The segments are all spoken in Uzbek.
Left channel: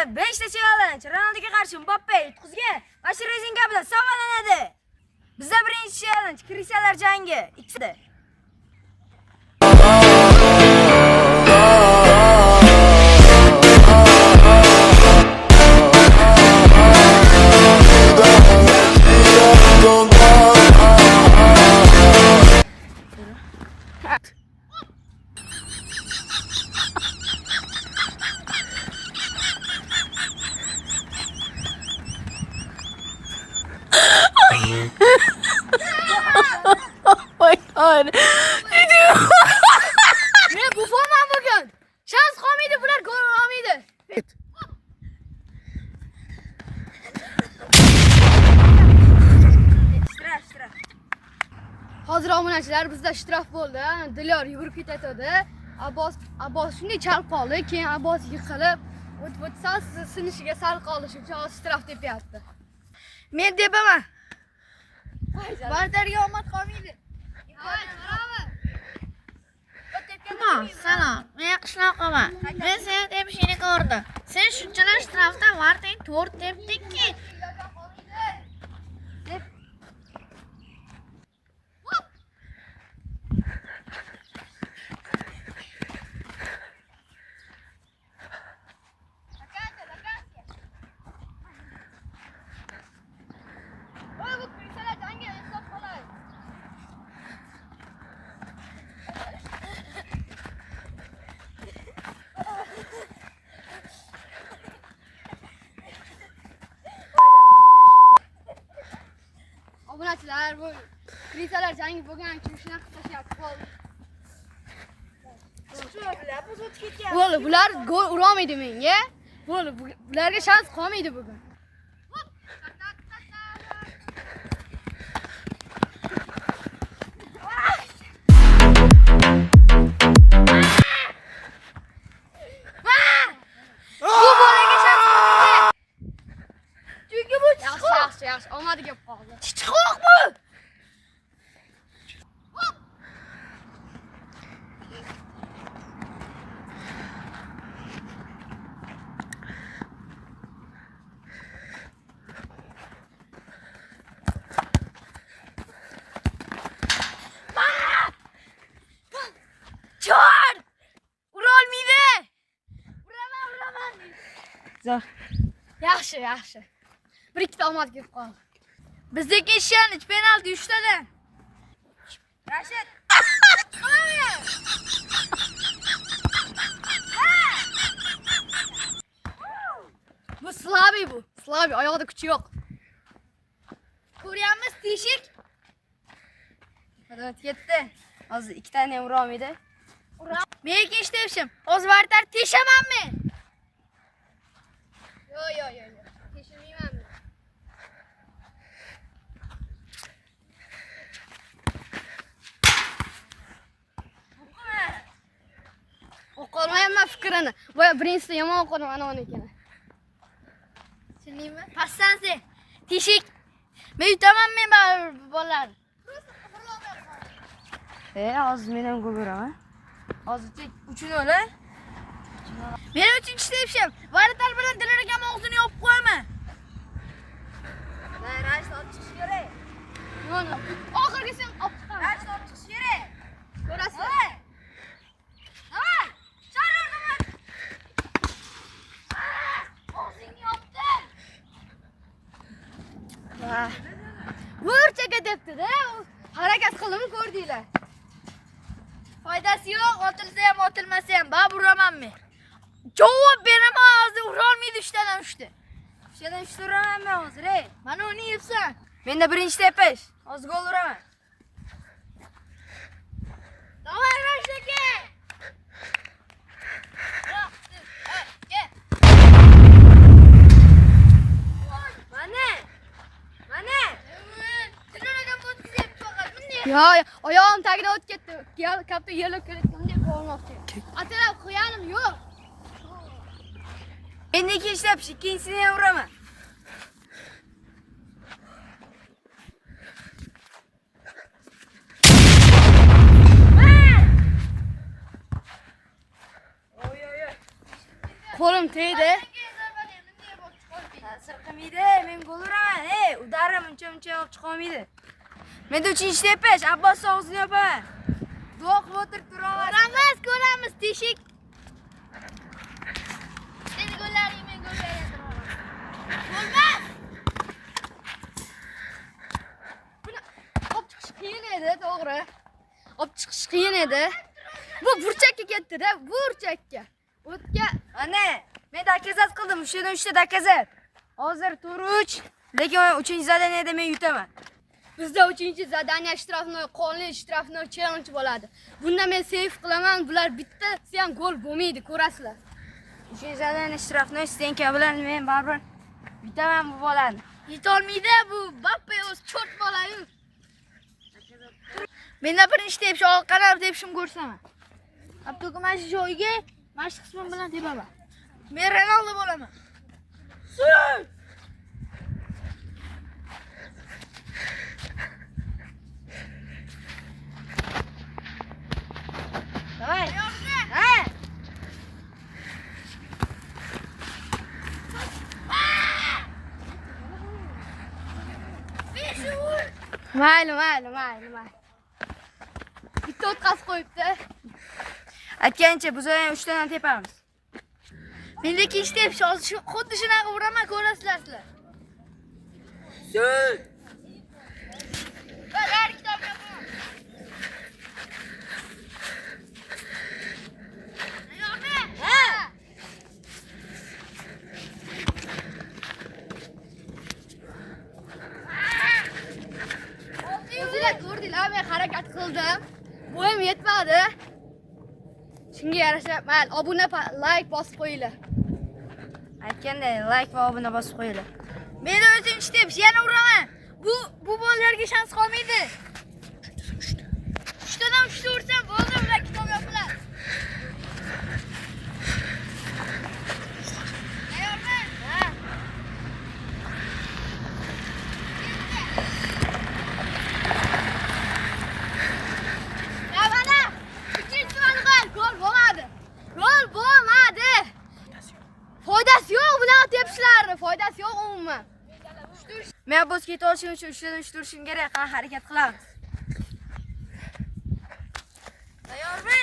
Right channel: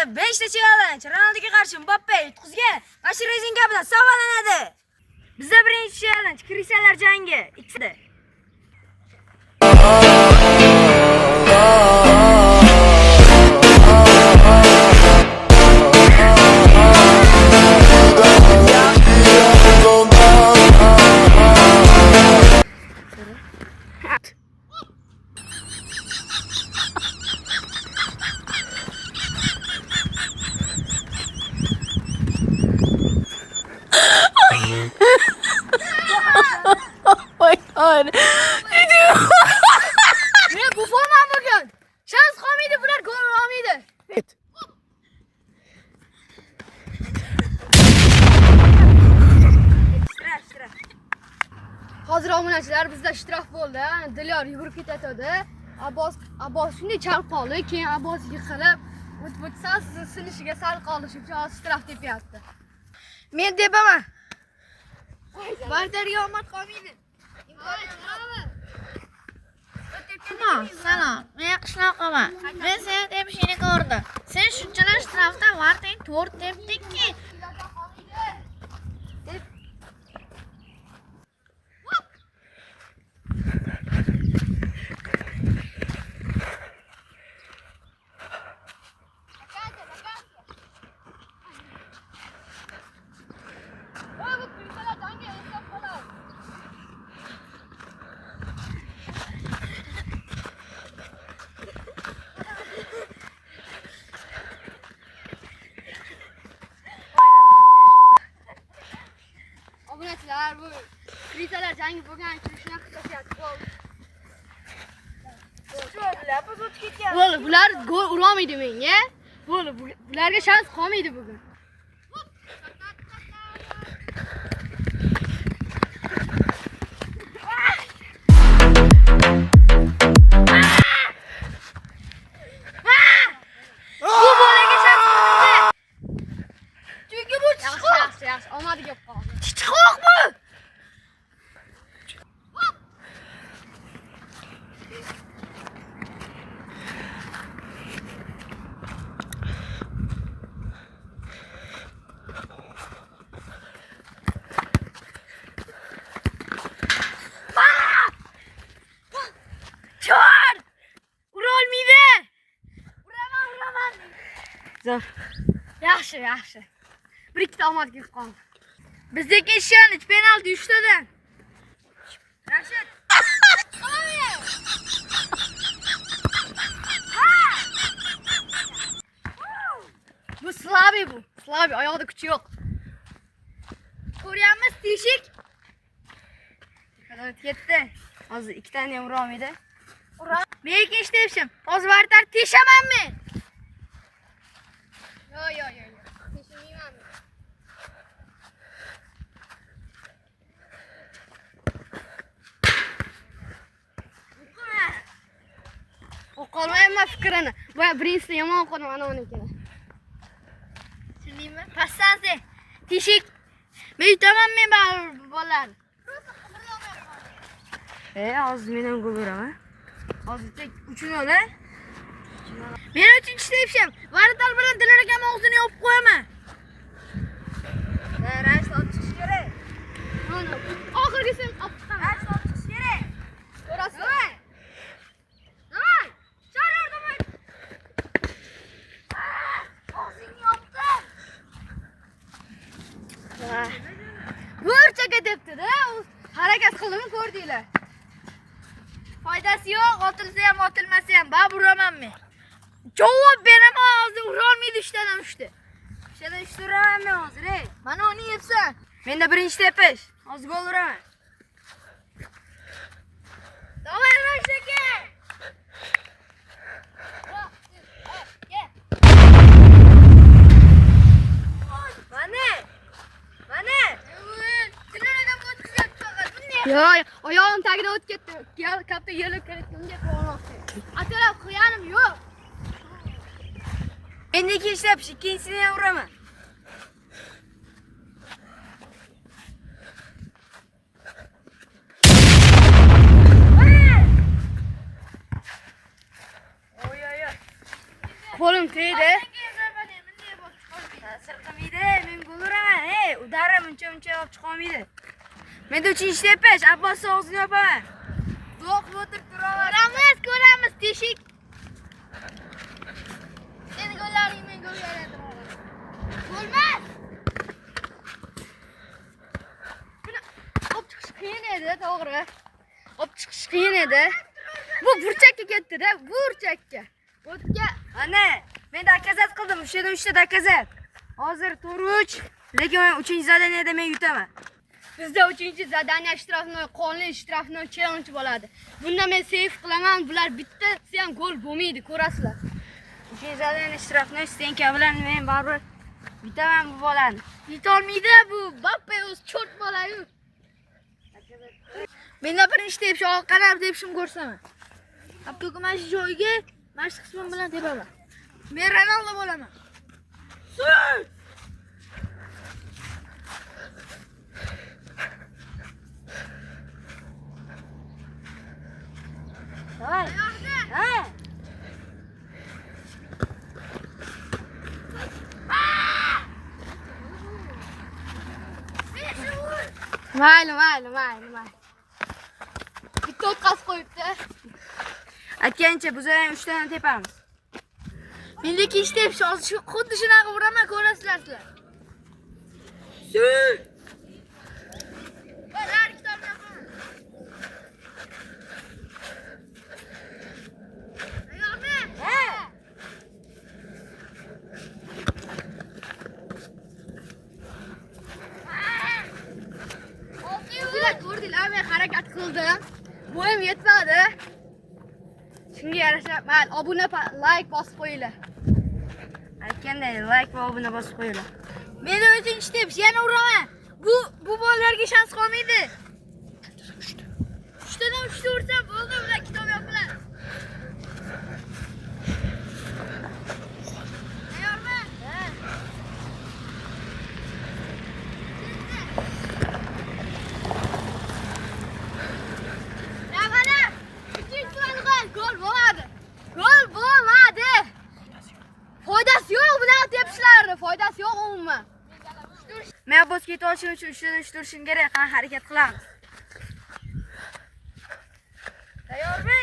Ronalduga 5 ta challenge. Ronalduga qarshi Mbappe yutqizgan. Mana shu rezinka bilan savolanadi. Bizda birinchi challenge Krisalar jangi. Ikkisida. My God. Men bu forma bugün. Şans qolmaydi, bular gol olmaydi. Hozir obunachilar bizda ishtiroq bo'ldi. Dilyor yugurib ketadi. Abbos shunday chalib qoldi. Keyin Abbos yiqilib, o'tsa sinishiga sal qoldi. Shuning uchun ishtiroq tepyapti. Men tepaman. Bardarga omad qolmaydi. Salom, men qishloqaman. Men seni tepishingni ko'rdim. Sen shunchalar ishtirofda varding 4 tepdingki. Obunachilar bu krisalar jangi bo'lgan kirishni qilishyapti. Bular gol urolmaydi menga. Bularga shans qolmaydi bugun. Yaxshi, omadi kelib qoldi. Chiqmoqmi? Chor! Urolmaydi. Uraman. Zo'r. Yaxshi. Bir ikkita omad kelib qoldi. Bizdeki challenge penalti 3 tadan. Rashid. Bu Slavi oyog'ida kuchi yo'q. Ko'ryapmiz teshik. Qadar ketdi. Hozir 2 tani ham urolmaydi. Men ikkinchi tepishim. Hozir vartar teshamanmi? Yo'q. Teshmayman. O'qolmayman fikrini. Voy birinchisi yomon o'qidim ana unikini. Tushundingmi? Passansi. Teshik. Men yutaman bolalar. Hozir men ham gol uraman. Hozir tek 3-0. Men uchinchi tepishim. Vartal bilan Dilor akam og'zini yopib qo'yaman. Rashid olib chiqish kerak. Oxirgisini olib chiqaman. Rashid olib chiqish kerak. Ko'rasiz. Davay. Chorlar. Og'zingni yopdim. Burchaga debdi-da. Harakat qildim ko'rdinglar. Foydasi yo'q, otilsa ham, otilmasa ham, baribir uraman men. Javob beraman, hozir urolmaydi 3 tadan 3 ta. 3 tadan 3 ta uraman men hozir, ey. Mana uni yepsan. Menda birinchi tepish. Hozir gol uraman. Davay Rashid aka. Mana. Yo, oyog'im tagida o'tib ketdi. Katta yerlab ketdim deb bo'lmoqchi. Atalab qo'yanim yo'q. Endi ikkinchi tepish, ikkinchisini ham uraman. Qo'lim tegdi. sirqamaydi, men gol uraman. Ey, udarim uncha olib chiqa olmaydi. Men 3-chi tepash, Abbos og'zini yopaman. Duo qilib o'tirib turaveramiz, ko'ramiz, teshik. Seni gollaring men gol aytiraman. Bo'lmas. Olib chiqish qiyin edi, to'g'ri. Olib chiqish qiyin edi. Bu burchakka ketdi-da, burchakka. O'tga Ana, men dakazat qildim, 3 ta dakazat. Hozir 4-3, lekin 3-zadaniyada men yutaman. bizda 3-zadaniya ishtirokni, qonli ishtirokni challenge bo'ladi. Bunda men save qilaman, bular bittasi ham gol bo'lmaydi, ko'rasizlar. 3-zadaniya ishtirokni Stenka bilan men baribir yutaman bu bolani. Yutolmaydi bu Mbappe o'z cho't bola-yu. Menda birinchi tepshi, orqadan tepishim ko'rsaman. Abduga mana shu joyga mashq qismim bilan tepaman. Men Ronaldo bo'laman. Давай. Ha. Mayli. Bitta o'tkazib qo'yibdi. Aytgancha biz ham 3 tadan tepamiz. Menda ikkinchi tepish hozir xuddi shunaqa uraman, ko'rasizlar sizlar. Ko'rdinglar, men harakat qildim. Bo'yim yetmadi. Shunga yarasha, mayli, obuna, like bosib qo'yinglar. Aytganday like va obuna bosib qo'yinglar. Menda 4-chi tepish, yana uraman. Bu bolalarga shans qolmaydi. 3 tadan 3 ta ursam bo'ldi, ular kitob yopiladi. Tayyormi? Ha. Mana ikkinchi gol bo'lmadi. Gol bo'lmadi. Foydasi yo'q bunaqa tepishlarni, foydasi yo'q umuman. Men Abbos ketib olishim uchun 3 tadan 3 turishim kerak, qani harakat qilamiz. Tayyormi?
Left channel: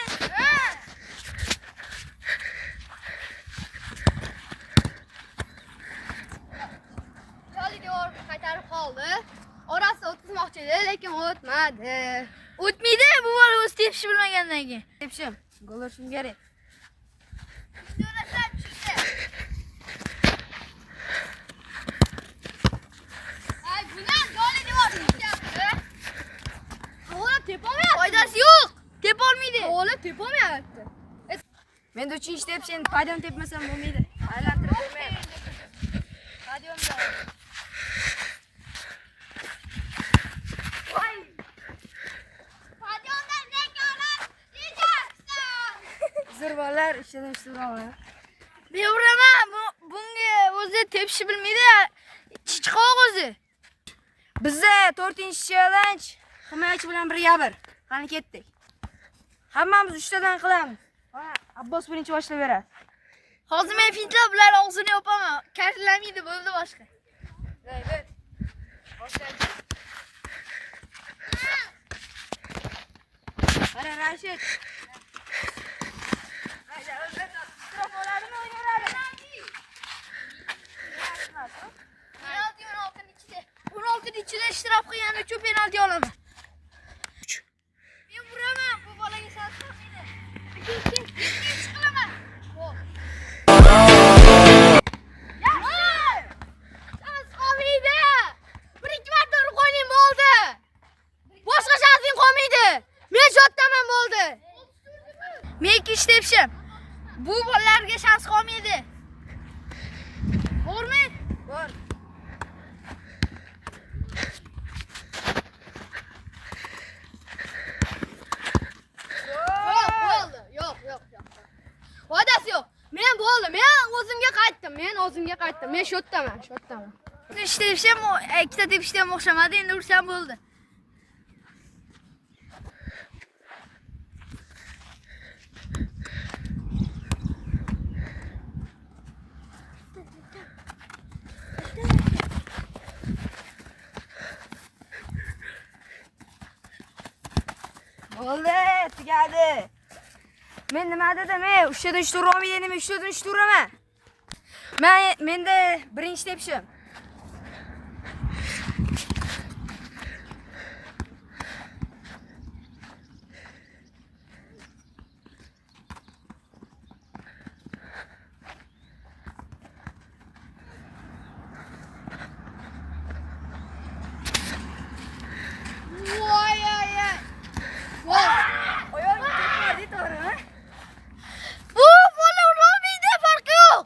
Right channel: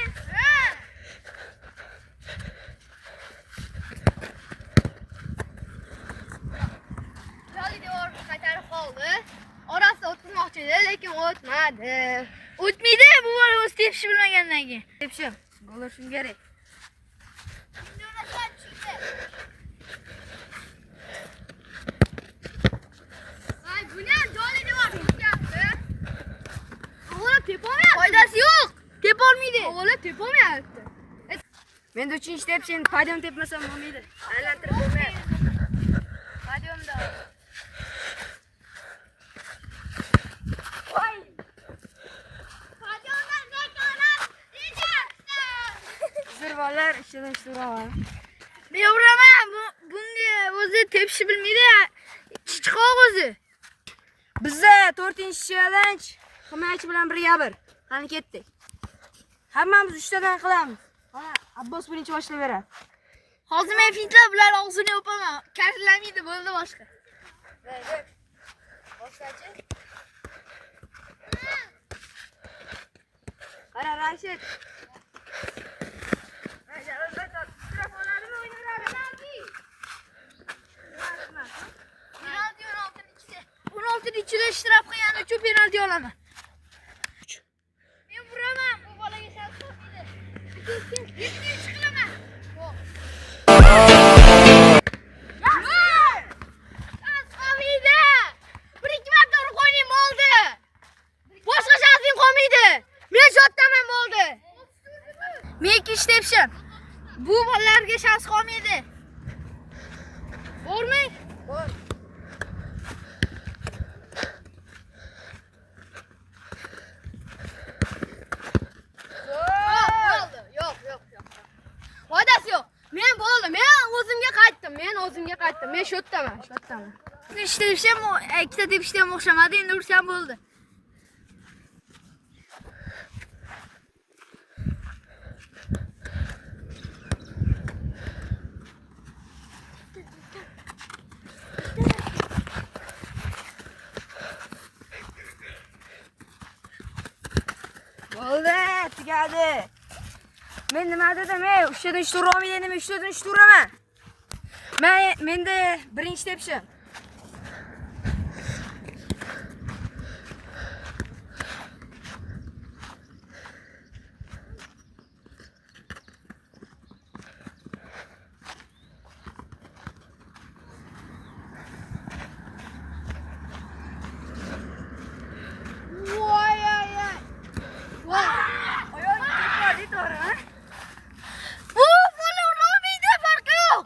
Joli devor qaytarib qoldi. Orasi o'tmoqchi edi, lekin o'tmadi. O'tmaydi, bu bola o'z tepishi bilmagandan keyin. Tepishim, gol urishim kerak. Ay, buni joli devor tutyapti. Ola tepolmayapti. Foydasi yo'q. Tepolmaydi. Ola tepolmayapti. Men 3-chi tepish, endi podium tepmasam bo'lmaydi. Aylantirib bo'lmaydi. Podiumda. Zirvalar ichidan suraman. Men uraman. Bunga o'zi tepishi bilmaydi. Chiqoq o'zi. Bizda 4-challenge himoyachi bilan 1-1. Qani ketdik. Hammamiz 3 tadan qilamiz. Mana Abbos birinchi boshlab beradi. Hozir men fintlab bular og'zini yopaman. Kartlamaydi, bo'ldi boshqa. Qara Rashid. Penalti ichida ishtirok qilgani uchun penalti olaman. Men uraman, bu bolaga shans qilmaydi. Ikkinchi qilaman. Shans qolmaydi. 1-2 marta urib qo'ying bo'ldi. Boshqa shansing qolmaydi. Men shotdaman bo'ldi. Men ikkinchi tepishim. Bu bolalarga shans qolmaydi. Bormi? Bor. Yo'q. Foydasi yo'q. Men bo'ldi. Men o'zimga qaytdim. Men shotdaman. Ikkita tepishim, ikkita tepishda ham o'xshamadi, endi ursam bo'ldi. bo'ladi. Men nima dedim? 3tadan 3 ura olmaydi, 3tadan 3 uraman. Menda birinchi tepishim. Voy ay ay. Voy. Oyog'im tekrar to'g'ri, ha? Bu bola urolmaydi, farqi yo'q.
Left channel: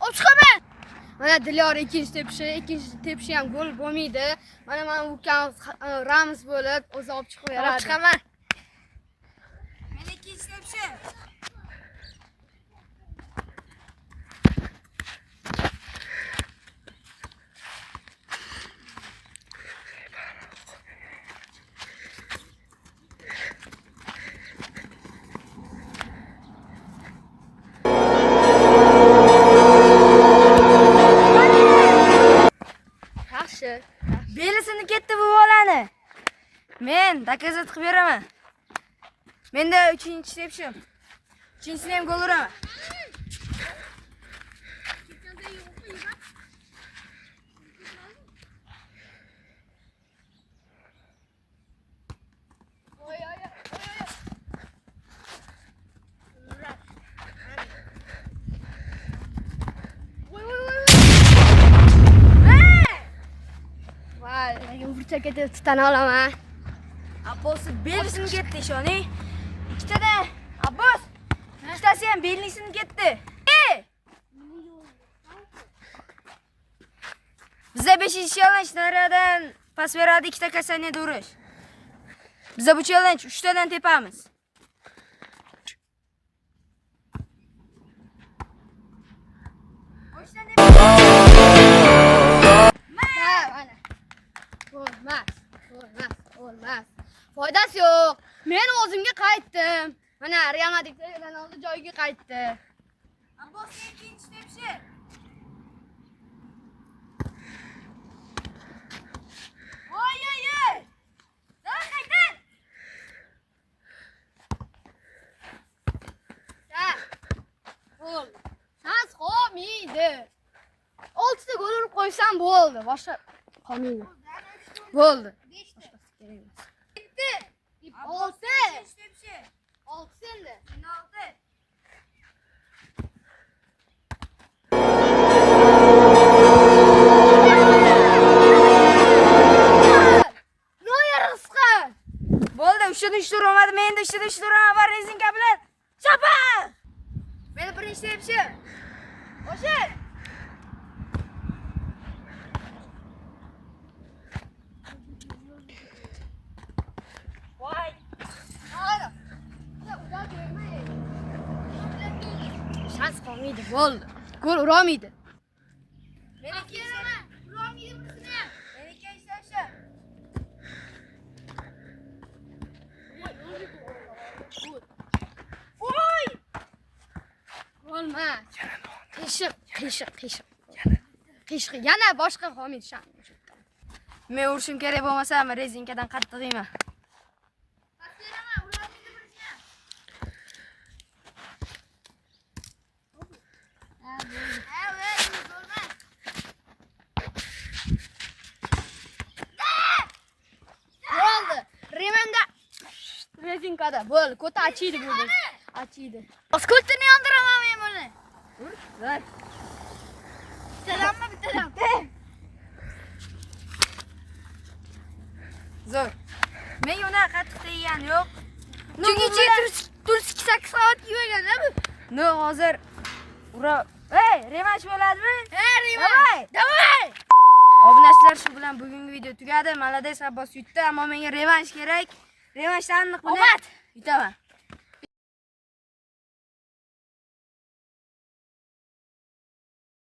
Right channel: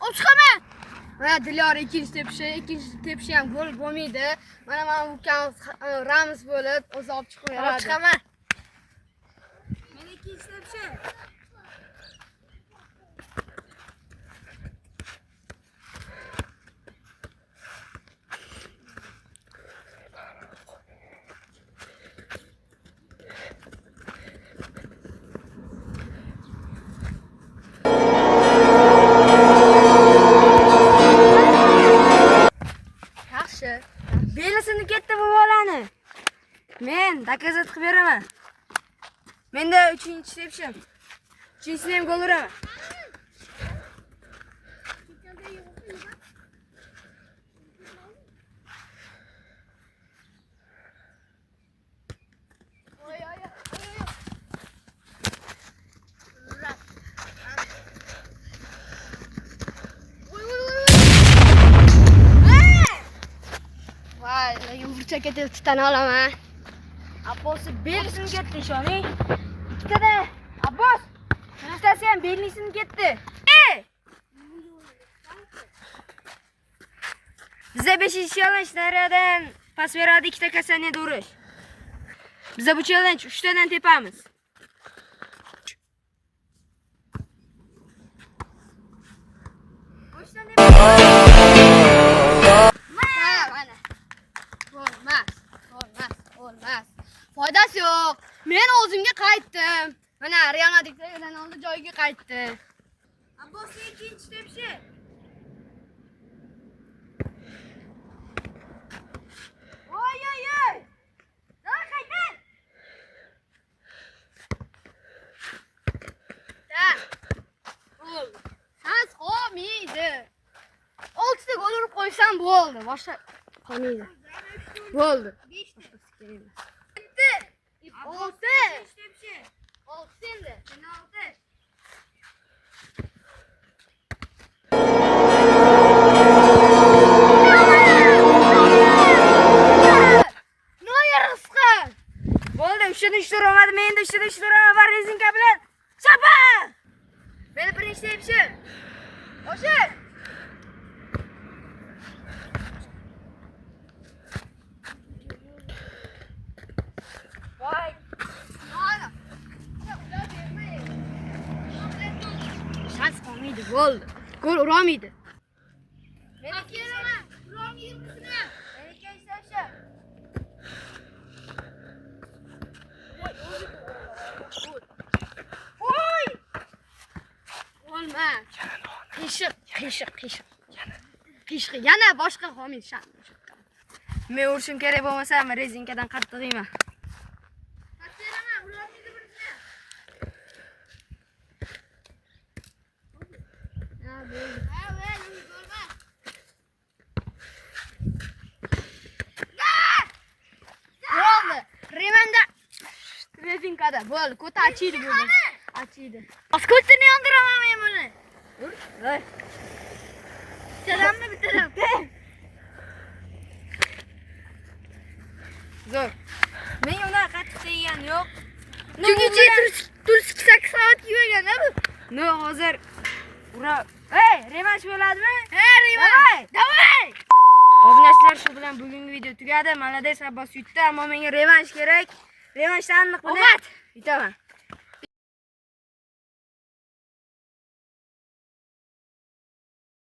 Olib chiqaman. Mana Dilyor ikkinchi tepishi ham gol bo'lmaydi. Mana ukamiz Ramiz bo'lib o'zi olib chiqib Olib beradi. chiqaman. Men ikkinchi tepishim. Yaxshi. Belisini ketdi bu bolani. Men dokazat qilib beraman. Menda 3-chi tepishim. 3-chisini ham gol uraman. Voy ay ay. Voy, yumurcha ketib tutana olaman. Abbosni belisini ketdi ishoning. Ikkitadan Abbos. Ikkitasi ham belisini ketdi. Bizda 5-challenge nariyadan pas beradi, 2ta kasaniyada urish. Bizda bu challenge 3tadan tepamiz. Mana. Olmaz. Foydasi yo'q. Men o'zimga qaytdim. Mana Real Madridda Ronaldo joyiga qaytdi. Abbosning ikkinchi tepishi. Oy oy oy. Davay qaytdan. Gol. Shans qolmaydi. 6 ta gol urib qo'ysam bo'ldi. Boshqa qolmaydi. Bo'ldi. 6. 6 endi. Noyer rizqi. Bo'ldi, 3tadan 3 uramadim. Men endi 3tadan 3 uraman va rezinka bilan chapa. Meni birinchi tepishim. O'sha. Voy. Shans qolmaydi. Bo'ldi. Gol urolmaydi. Men ikkinchi tepishim. Voy. Olmaz. Qiyshiq. Yana boshqa qolmaydi shans. Men urishim kerak bo'lmasa, men rezinkadan qattiq yeyman. Bo'ldi. Remanda rezinkada bo'ldi. Ko'ta achiydi bo'ldi. Achiydi. Ko'tini yondiraman men buni. Voy. Bittadanmi bittadan? Zo'r. Men unaqa qattiq yegan yo'q. Chunki turist 8 soat yegan-a bu. No, hozir ura. Ey, revansh bo'ladimi? Revansh. Davay. Obunachilar, shu bilan bugungi video tugadi. Malades Abbos yutdi, ammo menga revansh kerak. Revanshni aniq bilan yutaman.